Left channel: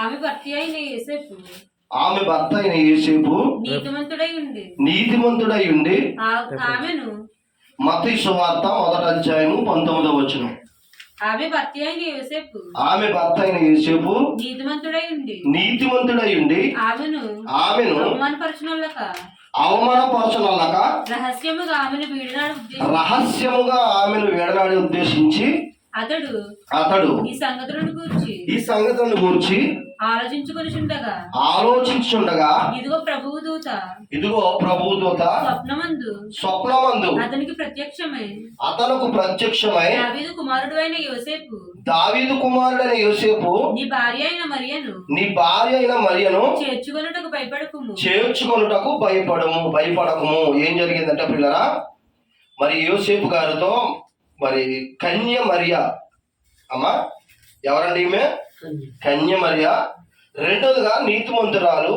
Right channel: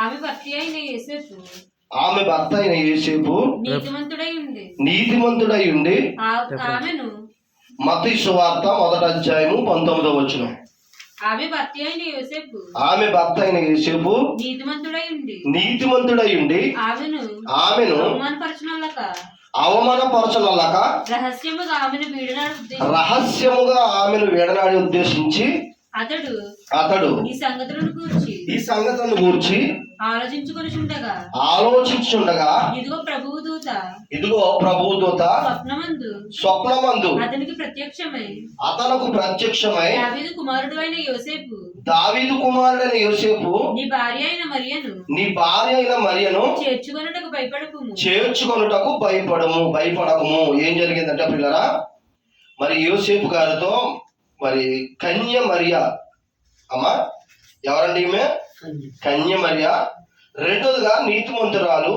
ఆమె భర్త అయిన యేసేపు నీతిమంతుడై ఉండి మతీ సువార్త మొదటి అధ్యాయము పంతొమ్మిదవ వచనం. ఆమె భర్త అయిన యోసేపు ఆమె భర్త అయిన యేసేపు నీతిమంతుడై ఉండి ఆమెను ఆమెను అవమానపరచునల్లక అవమానపరచనల్లక రహస్యముగా ఆమెను వీడినాడు రహస్యముగా ఆమెను వేడనాడి ఉద్దేశించి అతడు అతడు ఈ సంగతులను గూర్చి ఈ సంగతులను గూర్చి ఆలోచించుకొని చుండగా ఆలోచించుండగా ఇదిగో ప్రభువు దూత. ఇదిగో ప్రభుదూత స్వప్నమందు స్వప్నమందు అతనికి ప్రత్యక్షమై అతనకు ప్రత్యక్షమై దావీదు కుమారుడు అయిన యోసేపు. దావీదు కుమారుడైన యోసేపు నీ భార్య అయిన మరియను నీ భార్య అయిన మరియను చేర్చుకొనుటకు భయపడకుము. చేర్చుకొనుటకు భయపడము భయపడకము. ఏం జరిగిందంటే పిల్లరా మరి యోసేపు గారితో మరి కన్య మరియ అమ్మా ఎవరండి ఈమె? కన్య మరియ రెండోదిగా నీతిమంతురాలు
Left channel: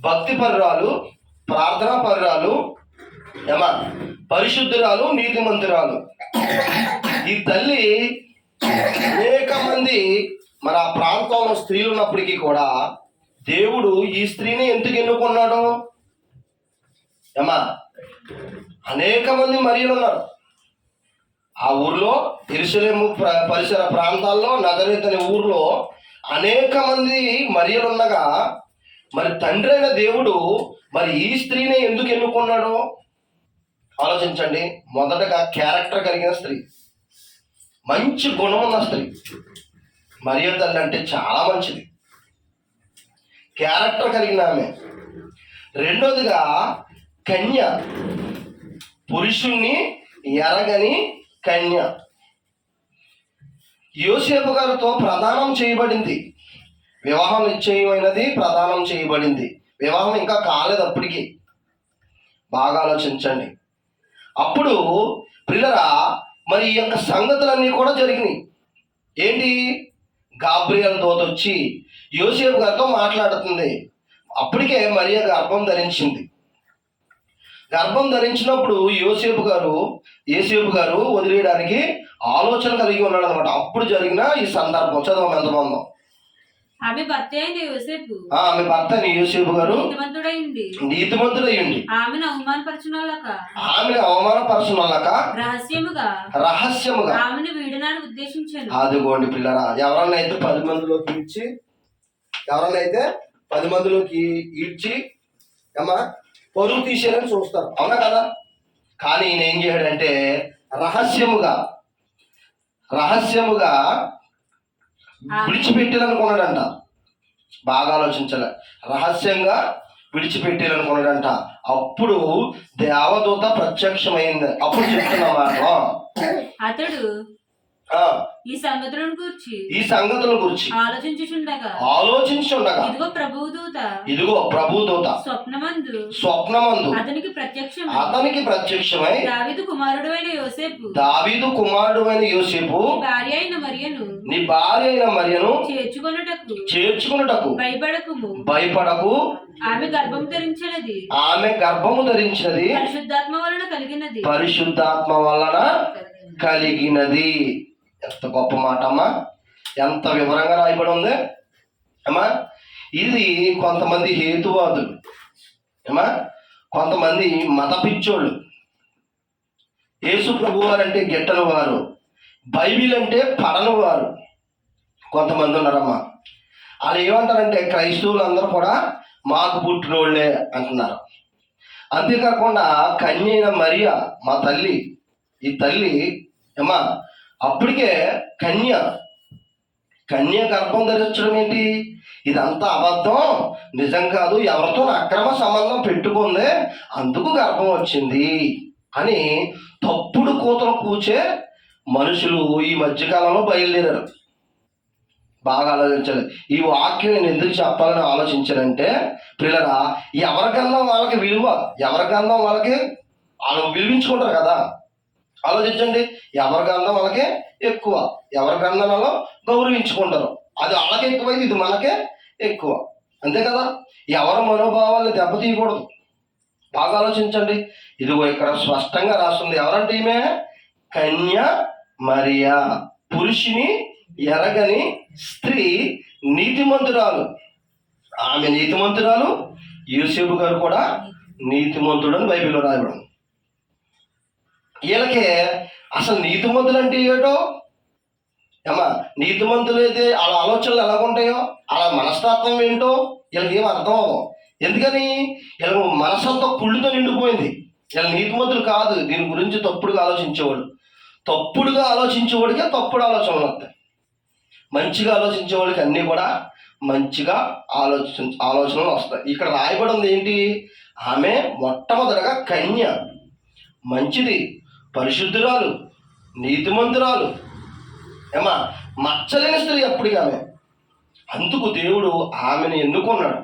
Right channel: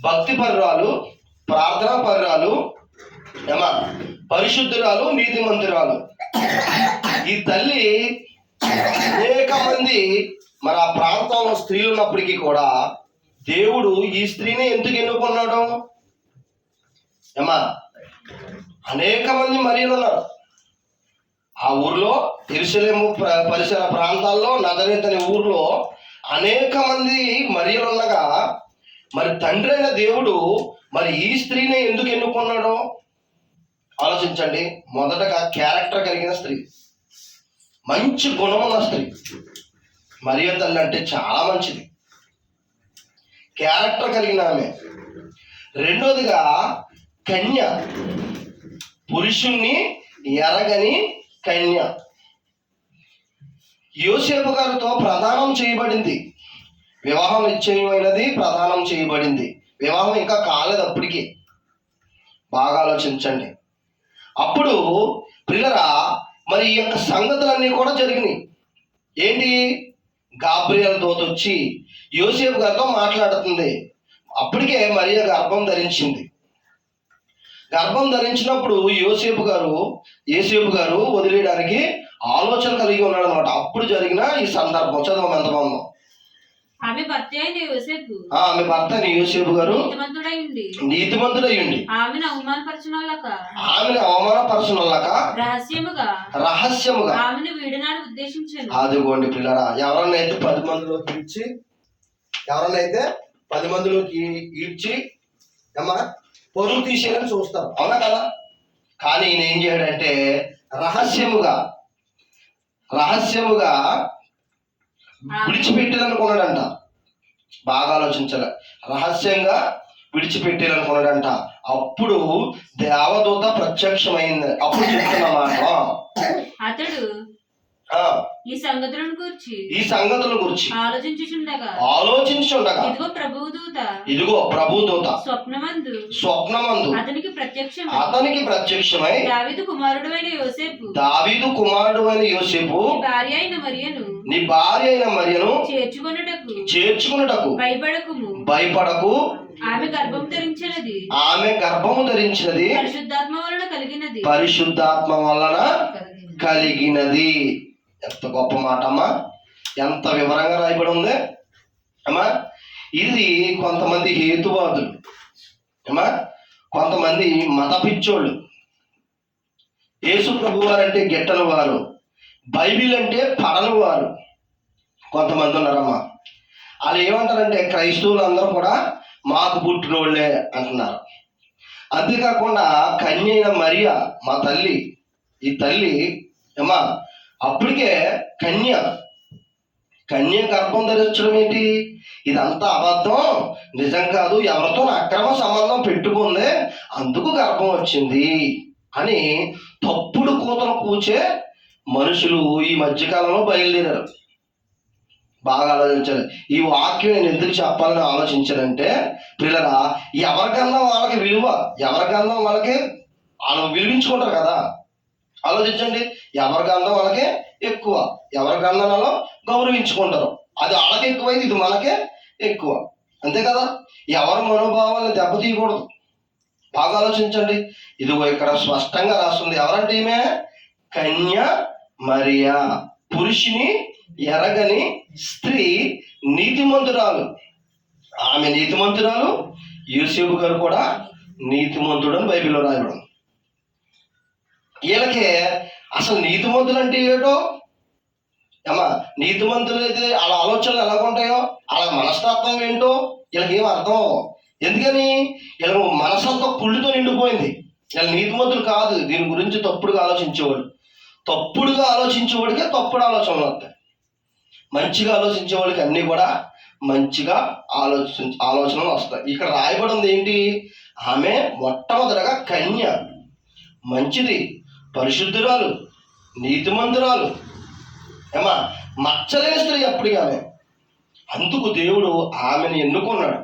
భక్తి పరురాలు ప్రార్థనా పరురాలు ఏమా? పరిశుద్ధురాలు నీతిమంతురాలు. ఈ తల్లి అనేక మంది మన ఆ ప్రాంతంలో స్త్రీలు ఉన్నప్పటికీ కూడా దేవుడు ఈ స్త్రీని ఎందుకు ఎన్నుకున్నాడు? ఏమా? అనేక మంది మరియులు ఉన్నారు. ఆ ఊర్లో ఎరుసలేము పరిసర ప్రాంతాల్లో నగరేత్ అనే ఊర్లో అనేక మంది మరియలు మరి తండ్రి అయిన దేవుడు మరి ఈ స్త్రీని ఎందుకు ఎన్నుకున్నాడు ఆలోచించండి. మొదటగా క్యారెక్టర్ కలిగిన స్త్రీ. మంచి గుణం ఉన్న స్త్రీ. మరియ తల్లి అంటే చాలా మంచిది. క్యారెక్టర్ కలిగిన ఆమె. రెండోదిగా కన్య. పురుషుణ్ణి ఎరగని కన్య. యోసేపు గారితో ప్రదానం చేయబడింది. వివాహం నిశ్చయమైనది ప్రదానం చేయబడింది. వివాహం ఇంకా కాలేదు అప్పటికి. బాగా ఆలోచించండి. అప్పుడు పిల్లరా మరి ఈ యొక్క సంగతులన్నీ కూడా జరిగినాయి. ఏంటి? గాబ్రియల్ దోత వచ్చి యోసేపు గారితో మాట్లాడుతుంది. అప్పటికే మరియ గర్భం ధరించింది. గర్భం ధరించినప్పుడు యోసేపు గారు యేసేపు గారు వదిలేయడానికి ఆలోచన కలిగి ఉన్నాడు అనమాట అప్పుడు జరిగిన ఈ సందర్భం. చదవం ఎంత బాగుందో. ఆమె భర్త అయిన యోసేపు. ఆమె భర్త అయిన యోసేపు గారు నీతిమంతుడై ఉండి నీతిమంతుడయ్యండి. ఆమెను అవమానపరచునల్లక ఆమెను అవమానపరచునల్లక రహస్యముగా. రహస్యముగా. ఆమెను ఉద్దేశించాను. అదిగోండి పిల్లరా. ఎవరన్నా అయితే పది మందిలోకి ఇచ్చి ఎవరన్నా అయితే పది మందిలోకి ఇచ్చి ఏమా పరువు తీసేయాలని చూస్తారు అవునా కదా? కానీ ఈయన ఏం చేయడంటే రహస్యముగా రహస్యముగా విడిచిపెట్టాలనుకున్నాడంట బాగా ఆలోచించాలి. రహస్యంగా విడిచిపెట్టాలనుకున్నాడంట అప్పుడు దేవదూత ప్రత్యక్షమైంది. అప్పుడు చెప్తున్నమాట అతడు ఈ సంగతులను గూర్చి ఈ సంగతుల గురించి ఆలోచించుచుండగా. ఆలోచించుండగా ఇదిగో ప్రభువు దూత. ఇదిగో ప్రభుదూత స్వప్నమందు స్వప్నమందు అతనికి ప్రత్యక్షం అతనికి ప్రత్యక్షమై దావిదు కుమారుడు అయిన యోసేపు. దావీదు కుమారుడు అయిన యోసేపు భార్య అయిన మరియను నీ భార్య అయిన మరియను చేర్చుకొనుటకు చేర్చుకున్నటకు భయపడకుము. భయపడకు ఆమె గర్భం ధరించినది. ఆమె గర్భము ధరించినది. పరిశుద్ధాత్మ వలన కలిగినది. పరిశుద్ధాత్మ వలన కలిగినది. ఎంత గొప్ప మాట అమ్మా. ఎంత వివరంగా రాయబడి ఉంది. అమ్మా ఇది కొంతమంది హేతువాదులు. అమ్మా కొంతమంది మత పిచ్చోళ్ళు యేసు ప్రభు వారు. అంటే గిట్టని వారు. బైబిల్ అంటే పడని వారు కొంతమంది ఉన్నారమ్మా. వాళ్ళు ఏమంటారంటే క్రైస్తవులు అందరూ కూడా మాకు పుట్టినోళ్ళే అంటున్నారు. అంతేకాకుండా కన్య అయిన మరియ మా తల్లి. ఈ తల్లి ఏమా అప్పటికే కన్య కన్య గర్భం ధరించడం ఏంటి? ఇదంతా అబద్ధం. నిజం కాదు ఎవరితో అక్రమ సంబంధం పెట్టుకుంది అందుకు గర్భం వచ్చింది అని తప్పుడు కూతలు కూచే మనుషులు ఈ మధ్యకాలంలో బయలుదేరారు. బాగా ఆలోచించాలి. ఈ వాక్యం నేను ఎందుకు చెప్పాలని ఆలోచించానంటే పిల్లరా ఎవరికన్నా వాళ్ళకి విలువ ఎవరి గంధం వాళ్ళకి వాళ్ళు విలువించుకుంటారు కదా. ఆలోచించండి. ఎవరి గ్రంథం వాళ్ళకే ఎక్కువ. ఎవరికన్నా వాళ్ళు గౌరవించుకుంటారు. అది వాళ్ళకి ఎక్కువైంది ఇది మనకే ఎక్కువ. అంతే కదా? ఎవరి మనోభావాలను దెబ్బతీయకూడదు. బాగా ఆలోచించండి. ఇదిగో ఇక్కడ స్పష్టంగా రాస్తుంది. ఎవరంటే ఈమె? కన్య మరియా. పురుషుని ఎరగని స్త్రీ నీతిమంతురాలు. ఆమె నీతిమంతురాలు. యూసేపు గారు కూడా నీతిమంతుడు అని బైబిల్లో రాయబడింది. వీళ్ళకి అసలు నీతిమంతులు అంటే ఏటో ఏమా నీతిమంతులు అయితే వాళ్ళ ఆలోచనలు ఎలాగుంటాయో వాళ్ళ మనస్తత్వం ఏంటో వీళ్ళకి ఏం అర్థం అవ్వవు. ఎందుకని? వీళ్ళ మనసంతా కుళ్ళుతో నిండిపోయింది. వీళ్ళ నీతిమంతులు కాదు. దీని గురించి తప్పుడుగా ఆలోచించేవాడు తప్పుడుగా ఆలోచించేవాడికే తప్పుడు ఆలోచనలు వస్తాయి. మంచిగా ఆలోచించేవాడికి అన్నీ కూడా మంచిగా ఆలోచన ఆలోచనలు వస్తాయి. ఇక్కడ రాయబడి ఉంది ఏంటి? ఆమె మొట్టమొదటగా కన్య. మంచిది. పరిశుద్ధురాలు నీతిమంతురాలు. ఏమా మచ్చలేని స్త్రీ అప్పుడు ఆమె అందుకు దేవుడు ఆమెను ఎన్నుకున్నాడు.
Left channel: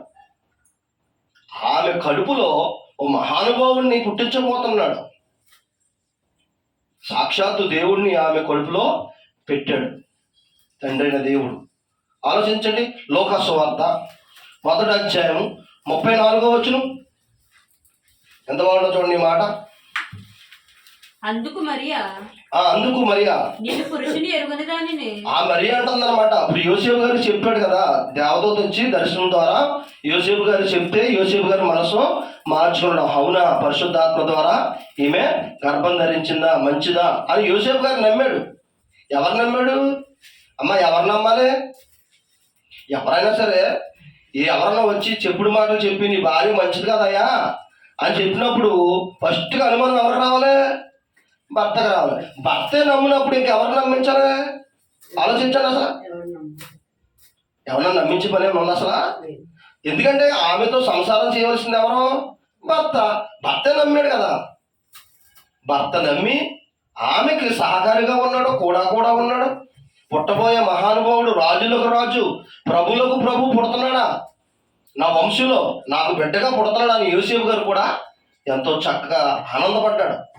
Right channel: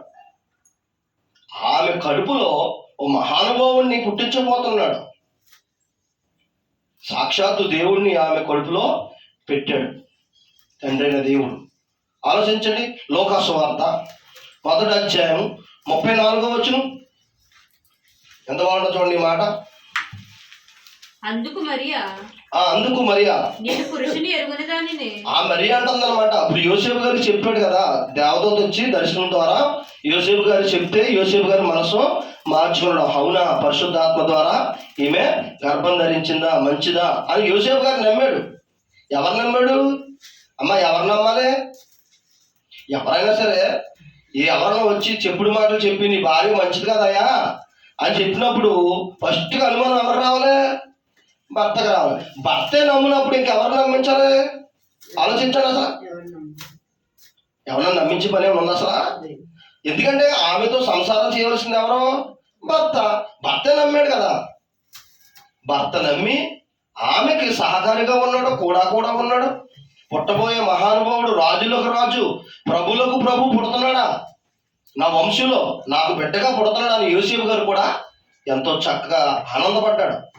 ఆమె కడుపులో ఓ మహానుభావుణ్ణి పుట్టించబోతున్నాడు. సాక్షాత్తు దేవుడిని ఆమె కడుపులో పెట్టాడు తండ్రైన దేవుడు. ఆలోచించండి లోకస్వార్త మొదటి అధ్యాయం ముప్పై నాలుగో వచ్చును ఎంత బాగుండో చూడండి మాట. అందుకు మరియా? అందుకు మరియా? నేను పురుషుని ఎరుగని దానిని. ఆ మరి అంటుందన్నమాట. ఇప్పుడు యోసేపు గారు చెప్పాడు కదా దేవదూత వచ్చి దర్శనం ద్వారా యోసేపు గారు చెప్తే యోసేపు గారి మనసు మార్చుకున్నాడు. అవునా పరిశుద్ధాత్మ ద్వారా ఈమె గర్భం ధరించిందా మంచిదా అని యోసేపు గారు నమ్మాడు. ఎవరు నమ్మాడు? అమ్మ ఎవరు నమ్మాలి? ఎవరైనా సరే ఏ ఎవరైనా వచ్చి చెప్పుడు మాటలు చెప్పి నీ భార్య మంచిది కదయ్యా అని చెప్పినప్పుడు ఫస్ట్గా అనుమానం ఎవరు రావాలి? భర్తకు రావాలి. భర్తే నమ్మినప్పుడు ఇంకెవరు నమ్మించాలి? ఆలోచించాలి అసలు? ఎవరైనా నమ్మించి పని ఉంది ఉందా అసలు? ఎందుకంటే ఆమెతో సంసారం చేయవలసింది ఎవరు? భర్త. భర్తే నమ్మాడు కదా. భర్త నమ్మి ఆమెకి సహకారిగా ఉన్నాడు కూడా కూడా ఉన్నాడు. పుట్టబోయే మహానుభావుడు రాజులకు రాజు ప్రభులకు ప్రభు పుడుతున్నాడా? నా వంశంలో నాకు బిడ్డగా పుడుతున్నాడు అని యూసేఫ్ గారు కూడా ఎంతో చక్కగా ఆనందపడ్డాడు.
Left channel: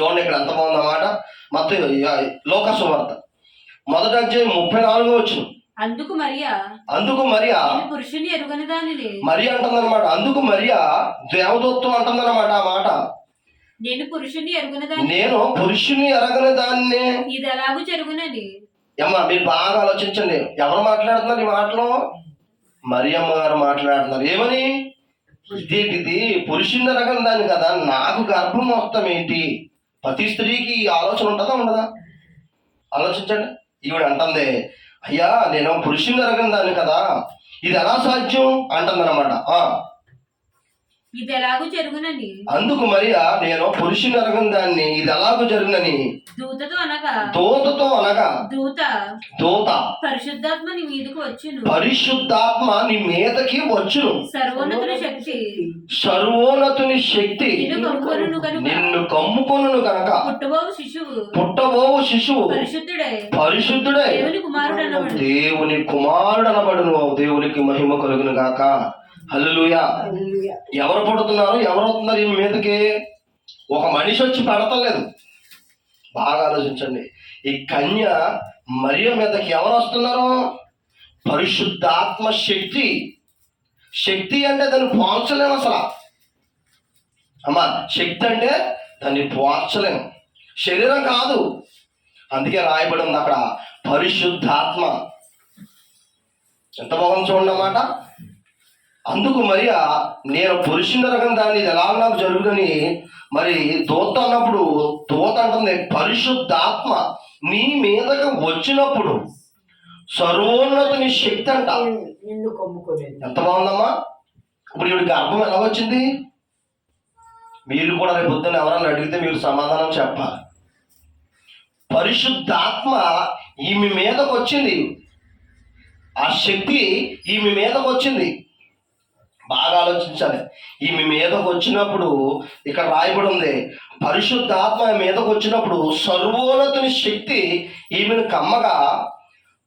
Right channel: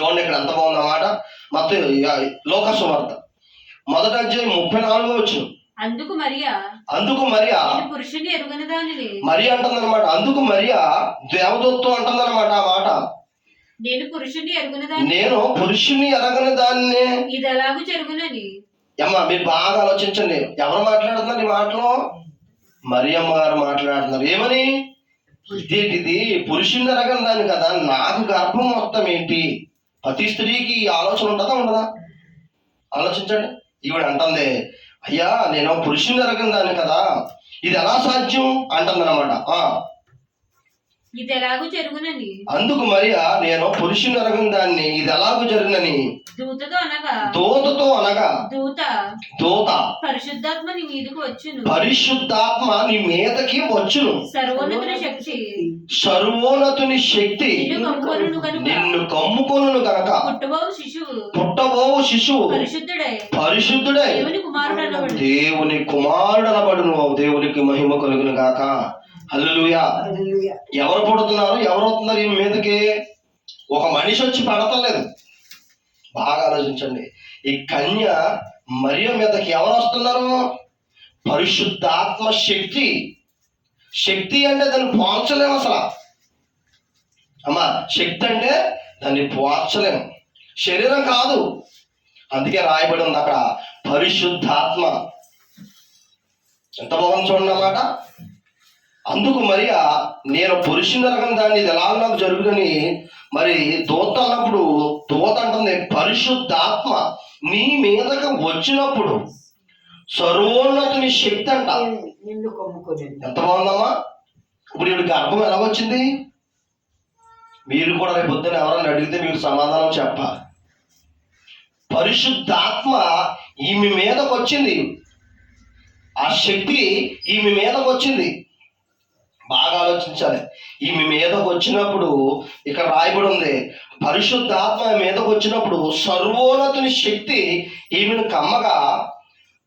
చూడండి ఇక్కడ ఎంత బాగుందన్నమాట. మొత్తం లోకసు వార్త. మొదటి అధ్యాయం ముప్పై నాలుగో వచ్చిన అందుకు మరియా? అందుకు మరియా? పురుషుని ఎరుగని దానిని. మరి అంటుందన్నమాట. అందుకు మరియా? దేవదత్వం అంటుందన్నమాట ఆ మాట. నేను పురుషుని ఎరుగని దాన్ని. నేను పురుషుని ఎరగని దాన్ని. ఇది ఎలాగూ జరుగునని. అమ్మ మీరు బాగా ఆలోచించండి. ఎవరు మాట్లాడుతున్నారు ఈ మాటలో? మరియమ్మ గారు మాట్లాడుతున్నారు. ఏమని? ఇదేంటిది? పురుషుని ఎరగని దాన్ని కదా. నాకు గర్భం మొత్తం ఏంటి? ప్రతి స్త్రీకి ఈ ఆలోచన ఉంటుందా ఉండదా? ఆలోచించండి. ఈవిడ అంటుంది అయ్యా నేను పురుషుని ఎరగని దాన్ని కదా. ఇది ఎలా సాధ్యం అంటుందన్నమాట. ఆ. ఇది ఎలాగూ జరుగునని. అందుకు మరియా నేను పురుషుని ఎరగని దాన్ని ఇది ఎలాగూ జరిగినని? దూతతో అనగా. దూతతో అనగా. దూత. దూత. పరిశుద్ధాత్మ నీ మీదకు వచ్చును. పరిశుద్ధాత్మ నీ మీదకి వచ్చును. సర్వోన్నతుని శక్తి. సర్వోన్నతుని శక్తి. నిన్ను కనుక కమ్ముకొను గనక. పుట్టబోవు శిశువు. పుట్టబోవు శిశువు. పరిశుద్ధుడే. పరిశుద్ధుడై. దేవుని కుమారుడు అనబడును దేవునికి మహిమ కలుగును గాక. హల్లెలూయా. ఎవరు పుడుతున్నారు? ఎవరు వస్తున్నారు? ఈ మీదకి ఒక మనిషి వచ్చి పడతలేదు. బాగా ఆలోచించండి. ఈ కన్య మరియ మీదకి ఎవరు వస్తున్నారు? పరిశుద్ధాత్మ శక్తి. శక్తి అంటే దాన్ని పోల్చలేము అసలు. అమ్మా శక్తి అంటే దాన్ని పోల్చలేము శరీరం కాదు. అందుకే రాయబడి ఉంది అక్కడ పరిశుద్ధాత్మ. ఎంత బాగుంది చూడండి అన్నమాట అందుకు మరియా నేను పురుషుని రకం దాన్ని ఇది ఎలా నాకు జరుగుదని మరి దూత అన్నప్పుడు దూత అంటుంది పరిశుద్ధాత్మ నీ మీదకి వచ్చినప్పుడు సర్వోన్నతుని శక్తి అంట. ఎంత బాగుందమ్మా. ఇప్పుడు ఈవిడ గర్భం ఎలా వచ్చింది? మీరు కూడా రేపు పొద్దున్న ఎవరన్నా అడిగితే మీకు సమాధానం చెప్పాలి. పరిశుద్ధాత్మ ఈమె మీదకి వచ్చింది. ఆ శక్తి ఈమె మీదకి వచ్చింది. బాగా ఆలోచించాలి. ఈమె మీదకి వచ్చినప్పుడు ఇక్కడ రాయబడి ఉంది. పరిశుద్ధాత్మ మీదకి వచ్చినప్పుడు సర్వోన్నతుని శక్తి ఈమెను కమ్మగా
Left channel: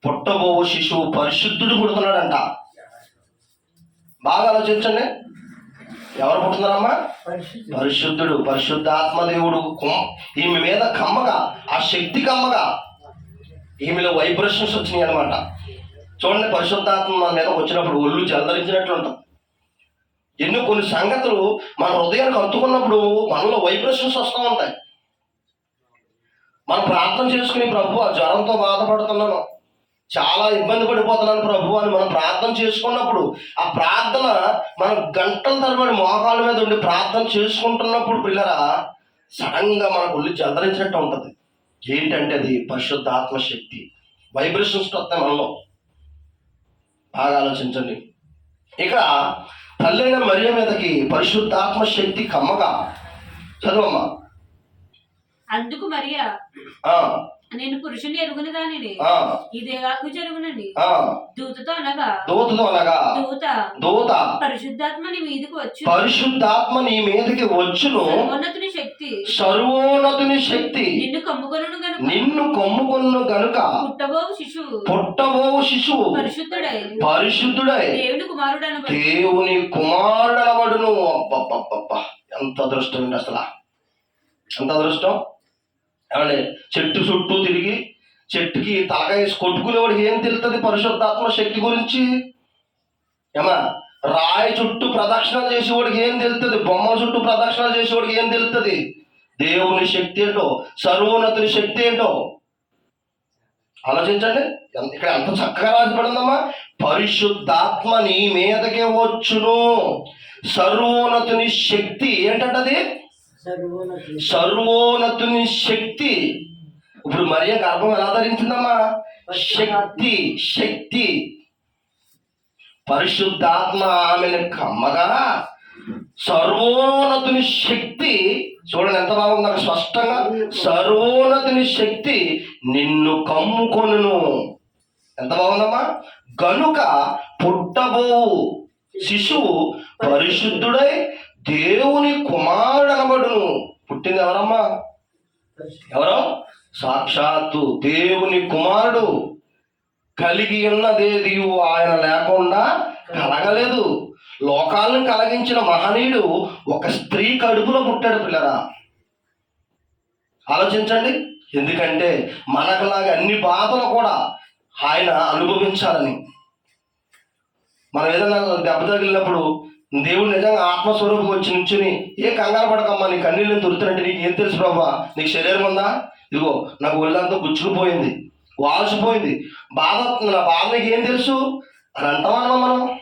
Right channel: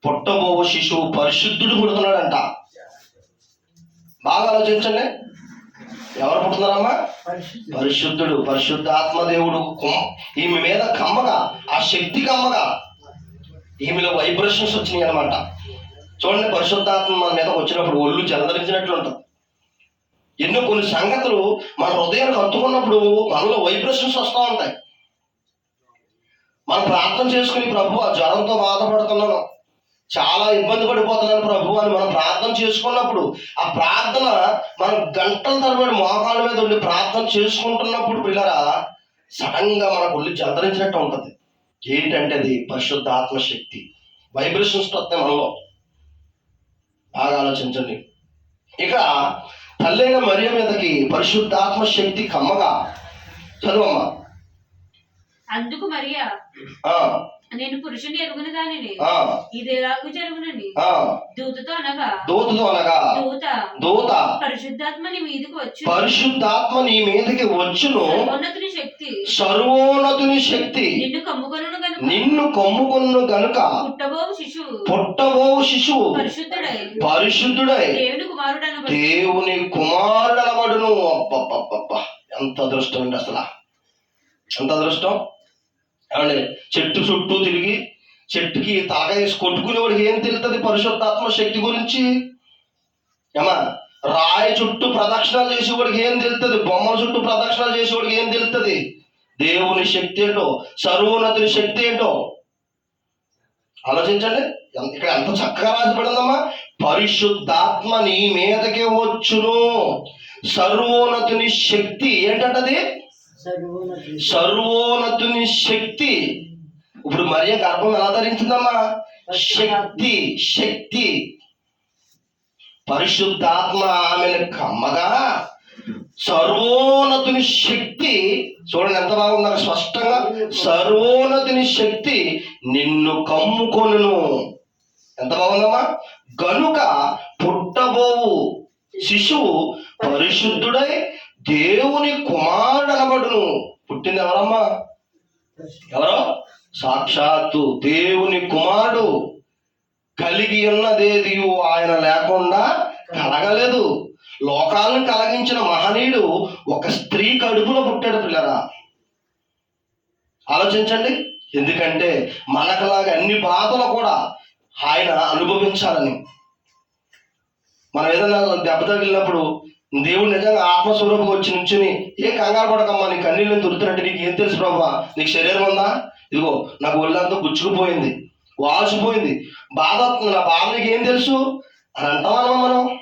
పుట్టబోవు శిశువు పరిశుద్ధుడు పుడుతున్నాడంట. బాగా ఆలోచించండి. ఎవరు పుడుతున్నారమ్మా? పరిశుద్ధి పరిశుద్ధుడు పరిశుద్ధాత్మ దేవుడు. ఈమె మీద కమ్మగా ఆ శక్తి కమ్మగా ఈమెలో వైబ్రేషన్స్ వచ్చినాయి అనమాట చూడండి పరిశుద్ధాత్మ మన మీద వచ్చినప్పుడు ఒళ్ళు జలదరించినట్లు ఉంటుంది ఎన్నో కొన్ని సంగతులు మన హృదయానికి హత్తుకున్నప్పుడు మనలో వైబ్రేషన్స్ వస్తూ ఉంటాయి. మనం ప్రార్థన చేసుకుని ప్రభు ఆ జ్వరంతో బాధపడుతున్నాను. చాలా ఇబ్బంది పడిపోతున్నాను ప్రభు అని మనం ప్రార్థన చేసుకున్నప్పుడు ఆ ప్రార్థన మనం గంటల తరబడి మోకాళ్ళ మీద ఉండి ప్రార్థన చేసుకుంటున్నప్పుడు పిల్లరా సడన్గా మనకు ఒళ్ళు జలధరించినట్టు ఉంటుంది. ఏంటంటే అది పరిశుద్ధ ఆత్మశక్తి వైబ్రేషన్స్ వస్తాయి మనలో. బాగా ఆలోచించండి. ఇక తల్లైన మరియ మీదకి పరిశుద్ధాత్మ శక్తి కమ్మగా. చదువమ్మా. అందుకు మరియా నేను పురుషుని ఎరుగుని దానిని. ఆ, ఇదేలాగు జరుగునని. ఆ. దూతతో అనగా దూతతో అనగా దూత దూత. పరిశుద్ధాత్మ నీ మీదకి వచ్చు పరిశుద్ధాత్మ నీ మీదకి వచ్చును. సర్వోన్నతుని శక్తి సర్వోన్నతుని శక్తి. నిన్ను కమ్ముకొనును గనుక. నిన్ను కొమ్ముకొను గనుక. పుట్టబోవు శిశువు. పుట్టబో శిశువు. పరిశుద్ధుడై. పరిశుద్ధుడై. దేవుని కుమారుడను దేవుని కుమారుడనబడును. అబ్బబ్బబ్బబ్బ ఎంత అదృష్టం అసలు. ఎంత అదృష్టం? ఏమండి చెట్టు చుట్టూ తిరిగి చెట్టుకి తలకాయ వేసి కొట్టుకునేవాడికి ఏం తెలుస్తుంది పరిశుద్ధాత్మ శక్తి గురించి? ఏమా? రాయి చుట్టూ ప్రదక్షిణాలు చేసేవాడికి ఏం తెలుస్తుంది బొమ్మ చుట్టూ ప్రదక్షిణాలు చేసేవాడికి ఏం తెలుస్తుంది దేవుని శక్తి ఏంటో సర్వోన్నతుని శక్తి ఏంటో? ఆలోచించండి. ఇక్కడ ఎంత చక్కగా రాసిపడిందమ్మా? పరిశుద్ధాత్మ నీ మీదకే వచ్చును. సర్వోన్నతుని శక్తి ఏంటంటది సర్వోన్నతి సర్వోన్నతుని శక్తి. ఇప్పుడు మరియ గర్భం ఎలా ధరించిందమ్మా? శక్తి శక్తి. పరిశుద్ధాత్మ ఆమెను కమ్మగా సర్వోన్నతుని శక్తి చూడండి ఎంత బాగున్నారు స్పష్టంగా సర్వోన్నతుని శక్తి నిన్ను కమ్ముకొనును. ఎంత బాగుందమ్మా? గనుక పుట్టబోవు శిశువు పరిశుద్ధుడై దేవుని కుమారుడు అనబడును పుట్టింది ఎవరమ్మా? ఎవరో? సాక్షాత్తు దేవుని కుమారుడు. కలిగి ఉన్నదేది ఆయన లేకుండా కలగలేదు. లోకాలను కలిగించిన మహనీయుడు ఒక స్త్రీ కడుపులో పుట్టాడు పిల్లరా. ఆలోచించండి. ఎందుకంటే మనకులాగా అన్ని బాధలు కూడా ఆయన అనుభవించాలని. మనం ఏదైనా దెబ్బ తగిలినప్పుడు దేవుడు నిజంగా ఆత్మస్వరూపం వచ్చి నుంచుని ఏ కంగారు పడకమ్మా నీ కన్నీళ్ళని నేను నీకు ఏం తెలుసు ప్రభా? నీకు శరీరం ఉందా? ఇదిగో నాకు ఒళ్ళంతా గుచ్చుకుపోయింది. వాల్సిపోయింది బాధ వస్తుంది నా బాధ ఏం తెలుసు? అని అంటామన్నా మనం.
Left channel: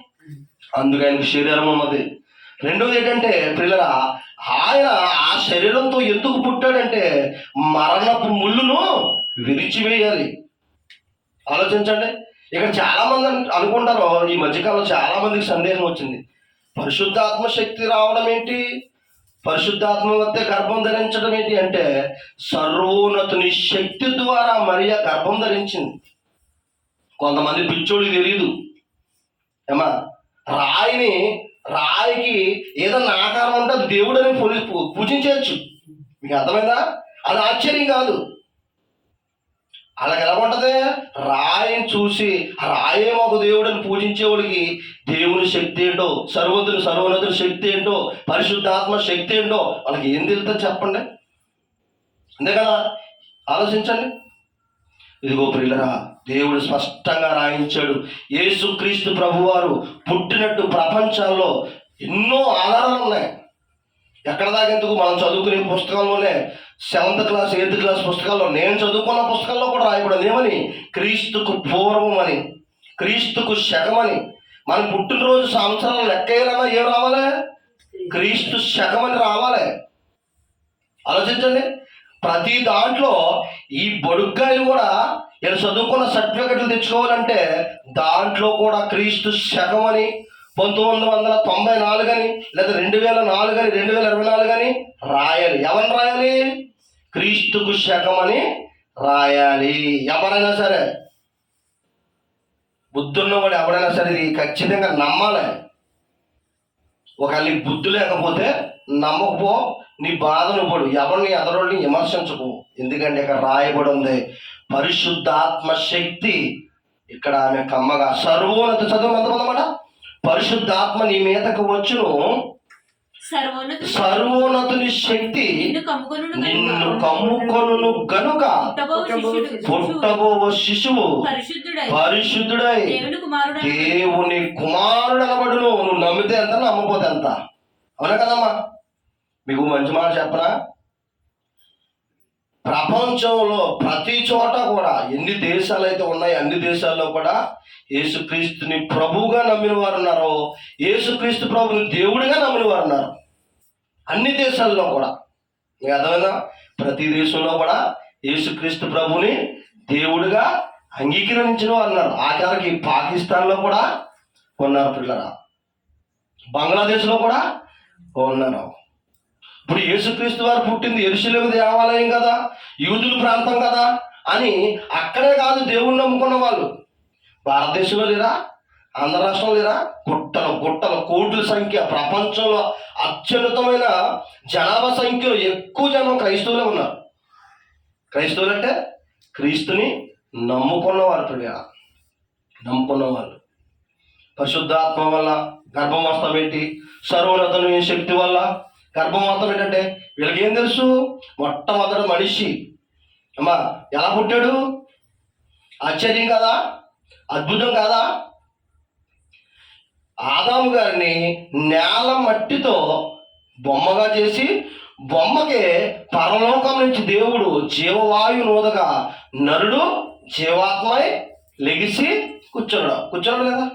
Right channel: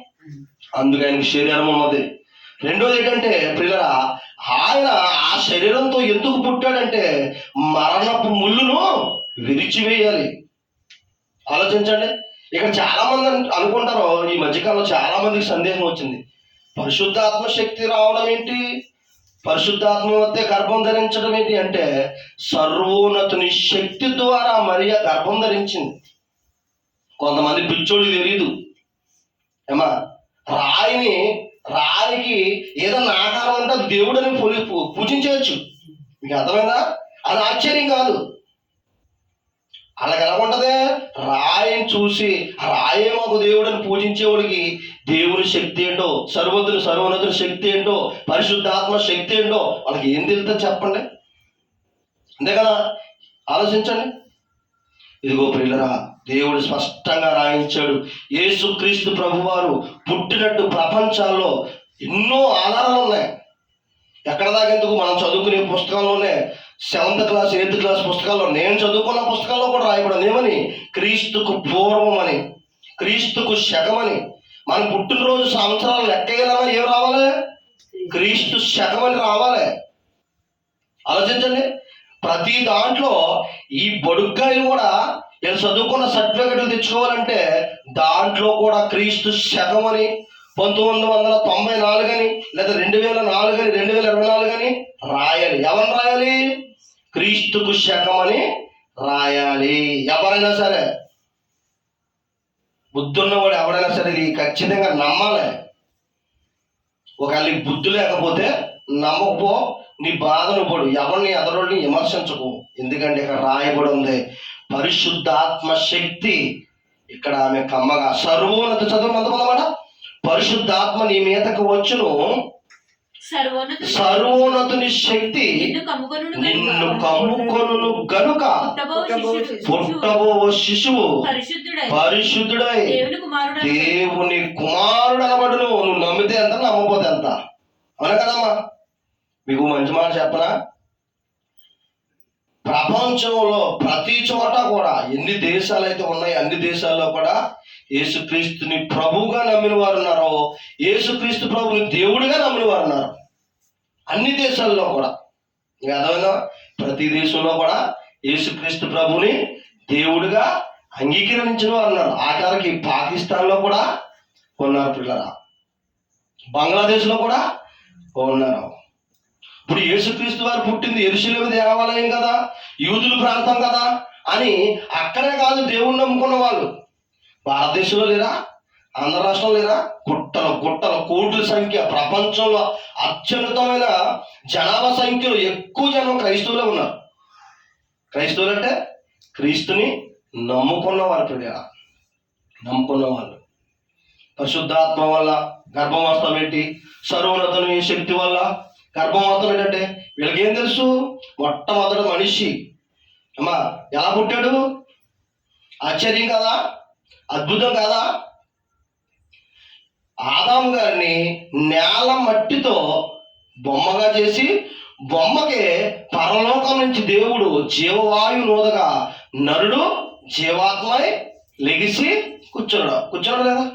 అందుకు ఆయనకు శరీరం ఉన్నది. రెండోది ఏంటంటే పిల్లరా ఆయన ఆ శరీరంతో ఎందుకు పుట్టాడంటే మరణపు ముళ్ళును విరిచివేయాలి. ఆలోచించండి. ఇక్కడ చాలా మంది అనుకుంటారు ఈ మధ్యకాలంలో చాలా మందికి సందేహం వచ్చింది. పరిశుద్ధాత్మ శక్తి రావడం ఏంటి? పరిశుద్ధాత్మ వద్ద గర్భం ధరించడం ఏంటి అంటే సర్వోన్నతుని శక్తి ద్వారా మరియా గర్భం ధరించింది. కొంతమంది పిచ్చోడు తెలియదు ఏమా? రాయిని రాయికి ఏదన్నా ఆకారం ఉంటే దేవుడని పూజ- పూజించవచ్చు. మీకు అర్థమైందా? అది ఆశ్చర్యం కాదు. అలాగ ఎలా ఉంటుంది? చూసి రాయే మాకు దేవుడని పూజించేవాడికి దేవుని శక్తి ఏంటో సర్వతుని సర్వోన్నతుని శక్తి ఏంటో పరిశుద్ధాత్మ శక్తి ఏంటో వాళ్ళకి ఏం తెలుస్తుంది చెప్పండి? అంతే కదా ఆలోచించండి. ఇదిగో ప్రియులరా దేవుడు స్పష్టంగా రాయించాడు. యేసుక్రీస్తు ప్రభువారు పుట్టినట్టు ప్రపంచంలో ఎన్నో ఆధారాలు ఉన్నాయి. ఎక్కడ దాకా ఎందుకు? మనం చదువుకునే పుస్తకంలోనే సెవెంత్ క్లాస్ ఎయిత్ క్లాస్ పుస్తకాల్లో నేను చదువుకున్న పుస్తకాల్లో కూడా రాయబడింది. ఏమని? క్రీస్తుకు పూర్వం అని క్రీస్తుకు శకమని. మన పుట్టినరోజు సంవత్సరాలు లెక్క ఏం రావాలి? క్రీస్తు శకమని రావాలి. ఆలోచించండి. ప్రతి దాంట్లో ఈ బొడుగ్గాయలు కూడా వీళ్ళు చదువుకున్న సర్టిఫికెట్లు తెచ్చుకోవాలంటే దాంట్లో కూడా క్రీస్తు శకం అని పంతొమ్మిది వందల తొంభై నాలుగు అని లేదా రెండు వేల నాలుగు అని రెండు వేల ఇరవై నాలుగు అని రాయాలి. ఎవరిని రాయాలి? క్రీస్తుకు శకమని రాయాలి. ఎవరైనా సరే బుద్ధున్నవాడు ఎవరైనా సరే ఇది ఖచ్చితంగా నమ్మాలి. ఒకవేళ నీ బుద్ధి లేకపోతే నమ్మకపో నీ బాధను పడు. ఎవరిని ఎదరోళ్ళని విమర్శించకు. ఎందుకంటే ఇక్కడ రాయబడి ఉంది పరిశుద్ధాత్మ శక్తి ఇక్కడ ఆమె కమ్మగా సర్వోన్నత చదువు ఎంతమందమాట పరిశుద్ధాత్మ నీ మీదకు వచ్చును. సర్వోన్నతుని శక్తి. నిన్ను కమ్ముకొను గనుక. పుట్టబో శిశువు పరిశుద్ధుడై. పరిశుద్ధుడై. దేవుని కుమారుడు. దేవుని కుమారుడు అనబడును నువ్వు నమ్మితే ఎంత నమ్మపోతే ఎంత? అవునా కదమ్మా? మీకు మంచి మాట చెప్పనా? ప్రపంచంలో ప్రతి చోట కూడా ఎన్ని దేశాలు అయితే ఉన్నాయో అన్ని దేశాల్లో కూడా యేసుక్రీస్తుని ప్రభువుగా నమ్మిన వారు ఉన్నారో యేసుక్రీస్తు ప్రభుని దేవుడిగా నమ్మిన వారు ఉన్నారు. అన్ని దేశాల్లో కూడా. మీకు ప్రతి దేశంలో కూడా యేసుక్రీస్తు ప్రభుని దేవుడిగా అంగీకరించిన వారు ఉన్నారు. ఆఖరికి పాకిస్తాన్లో కూడా ఉన్నారు పిల్లరా. బంగ్లాదేశ్లో కూడా ఉన్నారు. ఇప్పుడు యేసుక్రీస్తు వారు పుట్టింది ఎరుసలేము దేవాలయం కదా యూదుల ప్రాంతం కదా అని అక్కడే కాదు దేవుణ్ణి నమ్ముకున్న వాళ్ళు. భారతదేశంలో లేరా? ఆంధ్ర రాష్ట్రంలో లేరా? గుట్టలు గుట్టల కోట్ల సంఖ్య ప్రపంచంలో అత్యున్నతమైన జనాభా సంఖ్యలో ఎక్కువ జనం క్రైస్తవులే ఉన్నారు. క్రైస్తవులు అంటే క్రీస్తుని నమ్ముకున్న వాళ్ళు నమ్ముకున్న వాళ్ళు. పరిశుద్ధాత్మ వల్ల గర్భవాసం ఏంటి సర్వోన్నతమైన శక్తి వల్ల గర్భవాసం ఏంటంటే వీళ్ళకి ఏం తెలుసు? మొట్టమొదటి మనిషి. అమ్మా ఎలా పుట్టాడు? ఆశ్చర్యం కదా? అద్భుతం కాదా? ఆదాం గారిని నేల మట్టితో బొమ్మగా చేసి బొమ్మకే పరలోకం నుంచి దేవుడు జీవవాయు నోదగా నరుడు జీవాత్మై లెగిసి కూర్చున్నాడు. కూర్చున్నాడు కదా?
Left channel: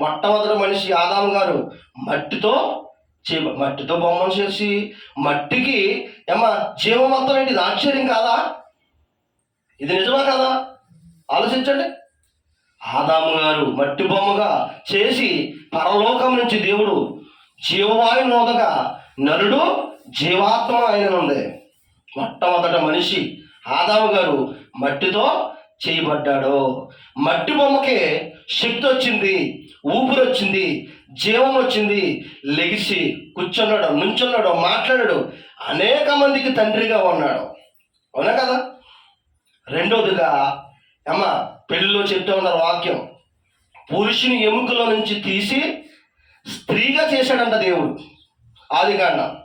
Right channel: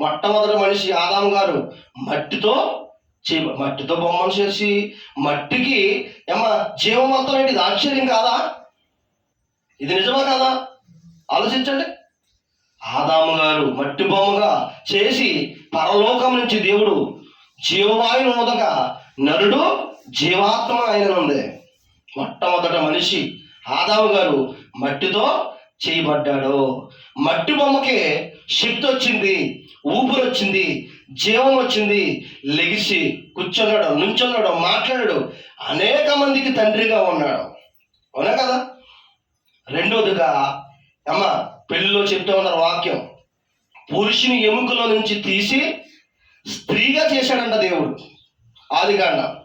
మొట్టమొదటి మనిషి ఆదాం గారు మట్టితో చే మట్టితో బొమ్మను చేసి మట్టికి ఏమా జీవమంతం ఏంటి ఇది ఆశ్చర్యం కాదా? ఇది నిజమా కాదా? ఆలోచించండి. ఆదాము గారు మట్టి బొమ్మగా చేసి పరలోకం నుంచి దేవుడు జీవవాయు నోదగా నరుడు జీవాత్మ ఆయన ఉంది మొట్టమొదట మనిషి ఆదాము గారు మట్టితో చేయబడ్డాడు. మట్టి బొమ్మకి శక్తి వచ్చింది ఊపిరి వచ్చింది జీవం వచ్చింది లెగిసి కూర్చున్నాడు నుంచున్నాడు మాట్లాడాడు. అనేక మందికి తండ్రిగా ఉన్నాడు. అవునా కదా? రెండోదిగా అమ్మ పెళ్ళిలో చెప్తూ ఉన్నారు వాక్యం పురుషుని ఎముకలో నుంచి తీసి స్త్రీగా చేశాడంట దేవుడు. ఆది కాండ.